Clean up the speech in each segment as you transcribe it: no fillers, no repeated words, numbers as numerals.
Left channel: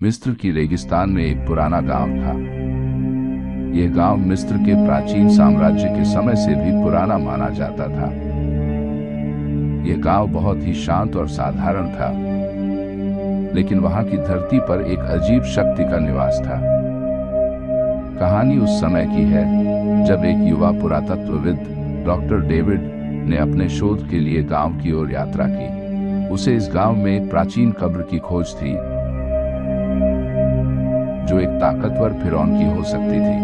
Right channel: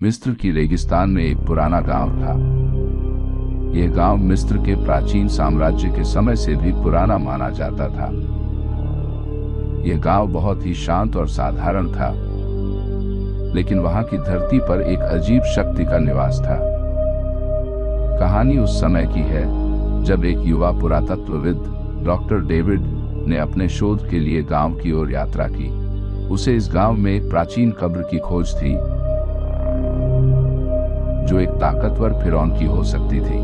मिस्र की रेगिस्तान में एक पुराना गांव था। यह गांव मिस्र के प्राचीन साम्राज्य के समय से भी पुराना माना जाता था। यह गांव बहुत ही शांत और साधारण था, लेकिन वहां की धरती पर एक अजीब शक्ति का निवास था। कहानी उस समय की है जब एक युवा पुरातत्वविद डॉक्टर डेविड ने अपने शोध के लिए गांव की ओर यात्रा की। उसे इस गांव में एक प्राचीन कब्र की खोज थी, जो एक ताकतवर फिरौन की हो सकती थी।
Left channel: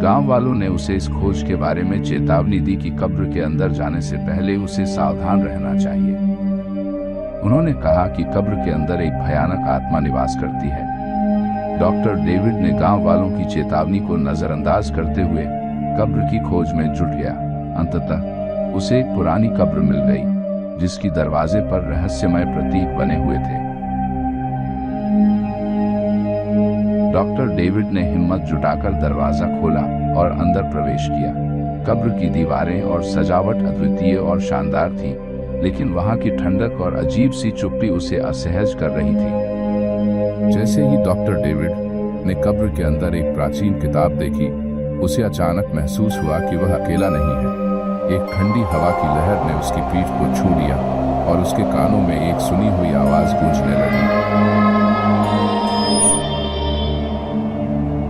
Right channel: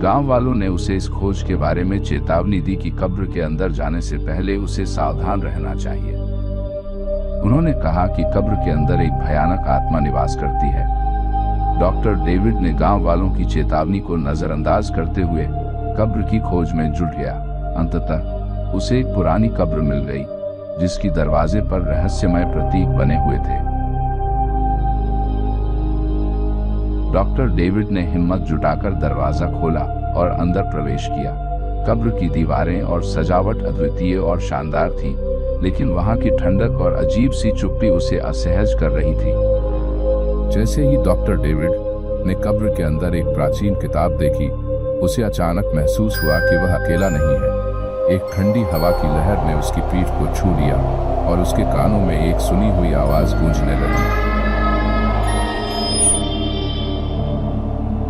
गांव वालों ने उसे इस खोज के बारे में चेतावनी दी कि कब्र के अंदर जाने से पहले उसे सावधान रहना चाहिए। उन्होंने कहा कि कब्र के अंदर एक भयानक आत्मा निवास करती है। डॉक्टर डेविड ने गांव वालों की चेतावनी को नजरअंदाज करते हुए कब्र की खोज में जुट गया। अंततः उसे एक पुरानी कब्र मिल गई, जिसकी दरवाजे पर रहस्यमय प्रतीक बने हुए थे। डॉक्टर डेविड ने हिम्मत जुटाकर दरवाजा खोला और अंदर प्रवेश किया। कब्र की दीवारें और सजावट अद्वितीय और शानदार थी, लेकिन वहां की ठंडक और अजीब सी चुप्पी उसे असहज कर रही थी। जैसे ही डॉक्टर डेविड ने कब्र के अंदर एक प्राचीन किताब देखी, उसे अचानक महसूस हुआ कि वह अकेला नहीं है। एक ठंडी हवा की लहर ने उसकी पीठ को छू लिया और उसके कानों में एक सुनी हुई आवाज गूंजने लगी।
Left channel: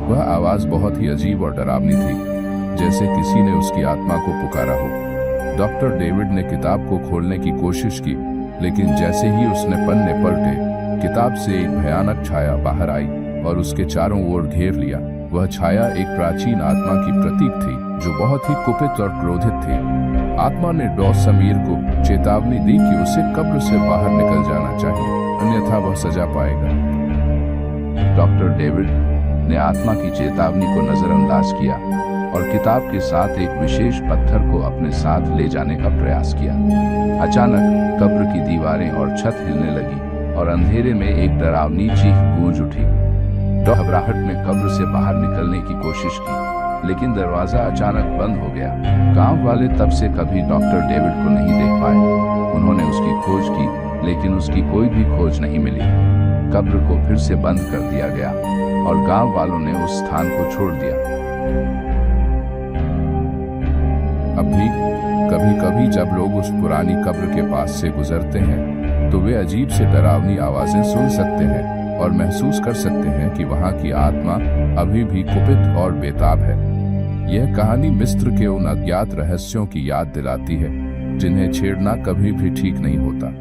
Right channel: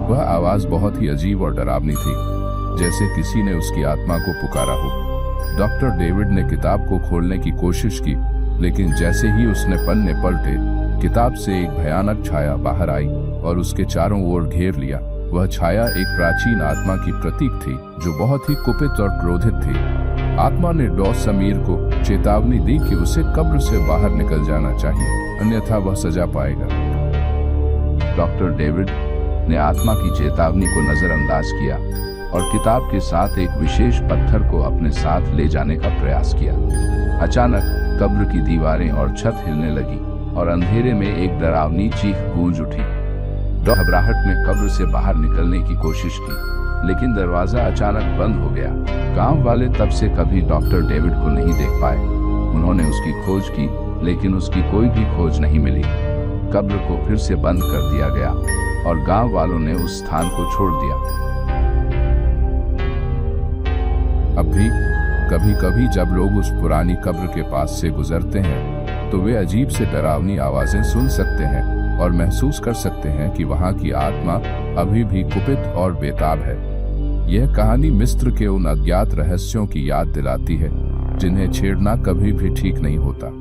वह आवाज बहुत ही अजीब और डरावनी थी, जैसे किसी ने उसकी आत्मा को पुकारा हो। डॉक्टर डेविड ने किताब को खोलने की कोशिश की, लेकिन जैसे ही उसने पन्ने पलटे, किताब से एक भयानक छाया बाहर आई और उसके चारों ओर घेर लिया। वह छाया एक प्राचीन आत्मा की प्रतीक थी, जो बहुत ही कुपित और क्रोधित थी। आत्मा ने डॉस समीर को चेतावनी दी कि उसे कब्र से बाहर निकल जाना चाहिए, अन्यथा वह सजा पाएगा। डॉक्टर डेविड ने आत्मा की चेतावनी को नजरअंदाज किया और किताब के साथ एक विशेष पत्थर को अपने साथ ले जाने का प्रयास किया। अचानक कब्र की दीवारें और छत हिलने लगी और अंधेरे में एक डरावनी चीख गूंज उठी। घबराहट में कब्र से बाहर निकलने की कोशिश की, लेकिन दरवाजा अचानक बंद हो गया। गांव वाले तब से कभी डॉक्टर डेविड को नहीं देख पाए। उन्होंने उसकी खोज की, लेकिन उसकी कोई भी खोज नहीं मिली। कब्र को फिर से बंद कर दिया गया और गांव वालों ने उस स्थान को छोड़ दिया। अब भी कभी कभी जब लोग उस पुरानी कब्र के पास से गुजरते हैं, तो वे अजीब से डरावनी आवाजें सुन सकते हैं और महसूस कर सकते हैं कि वहां की आत्मा अभी भी कुपित और बेताब है। यह कहानी मिस्र के उन अज्ञात रहस्यों की याद दिलाती है, जिन्हें छेड़ना कभी भी ठीक नहीं होता।